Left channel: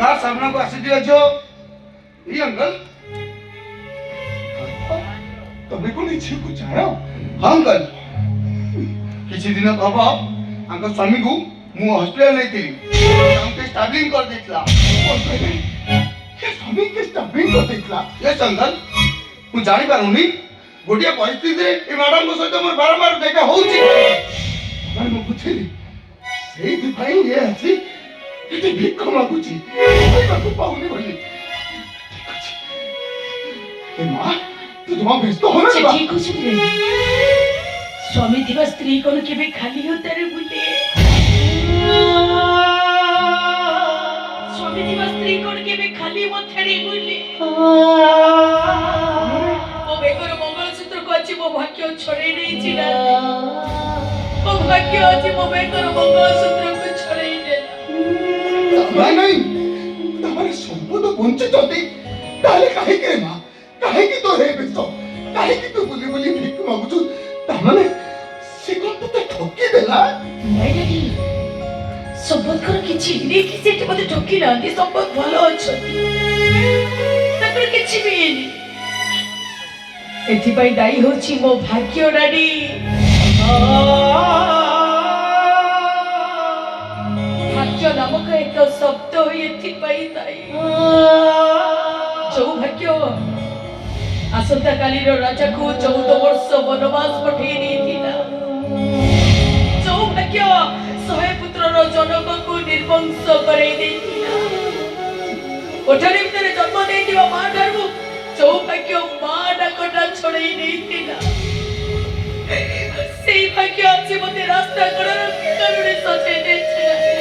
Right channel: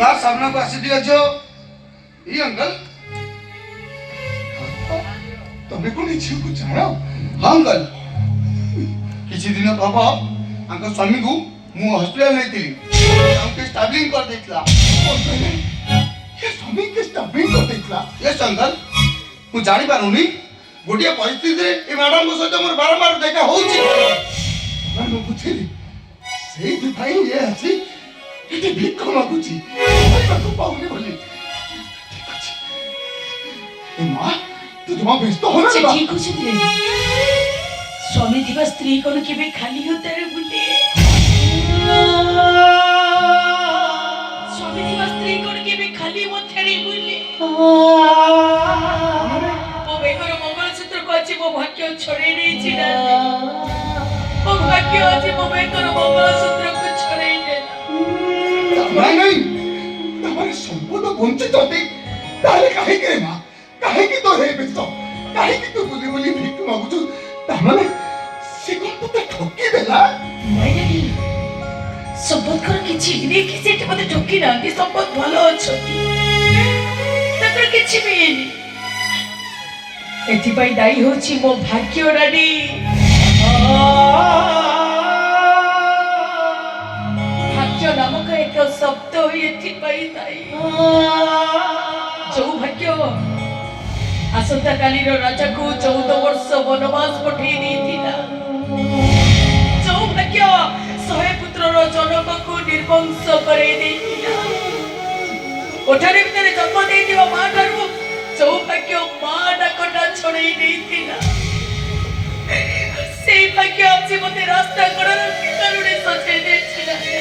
uncle सामने को आसी दिया जो ये अंकल तुम्हें को नहीं कुछ चाहो हाँ अंकल किसी दिन तब अंकल स्वामी को मु हॉस्पिटल नहीं थी हमके स्टार्टिंग कर देतला ये स्वामी के स्टबिंग को देखला यस अंकल मु जानि पारुनी गोटिया परिस्थिति रे ए मैडम को सहित मोर बारंबार देखा होउची मैं बुझिली सेही भाई ये अछि एटी भिख मागुची को पाउनी बोली ठीक अछि ए मां तू जमा व्यस्त हो ना से ठीक होची रे स्वामी दिवा स्त्री कोन के भी खाली होते रे बुले स्वामी दिवा स्त्री कोन के भी खाली होते रे बुले ओ बेगर मंगलसूत्र को अछि मो भाग्य छोड़े नहीं छिना ओ भाग्य अछि मो बेगर मंगलसूत्र को छोड़े दे नहीं तुम्हारे संपूर्ण वंचित होते ताले काहे करे मां काहे की तो रे बेस्तो काहे की तू बुली बुली भिख मागुचु तामाने से कोन तो ठोकी देला नहीं नहीं संपद कर किछि रे कि सेट मते ठोकी नांदी संपद भलो अछती तकर किछि भी एनी एथि पई दाई होछि मो भाग्य डाडी भाग्य नामक एक शब्द एथि पई दाई जो भाग्य आसंता काली रो राजा को 14 वर्ष वनवास पठेई देथिला जो भाग्य 100 पुत्र रो जनक को निर्वंश करे देथिला कोठरी भितर जन्म देथिबा मां ठारू जो भाग्य मां डाकटा छोड़ेई देथिला से भाग्य आज मते रास्ता कड़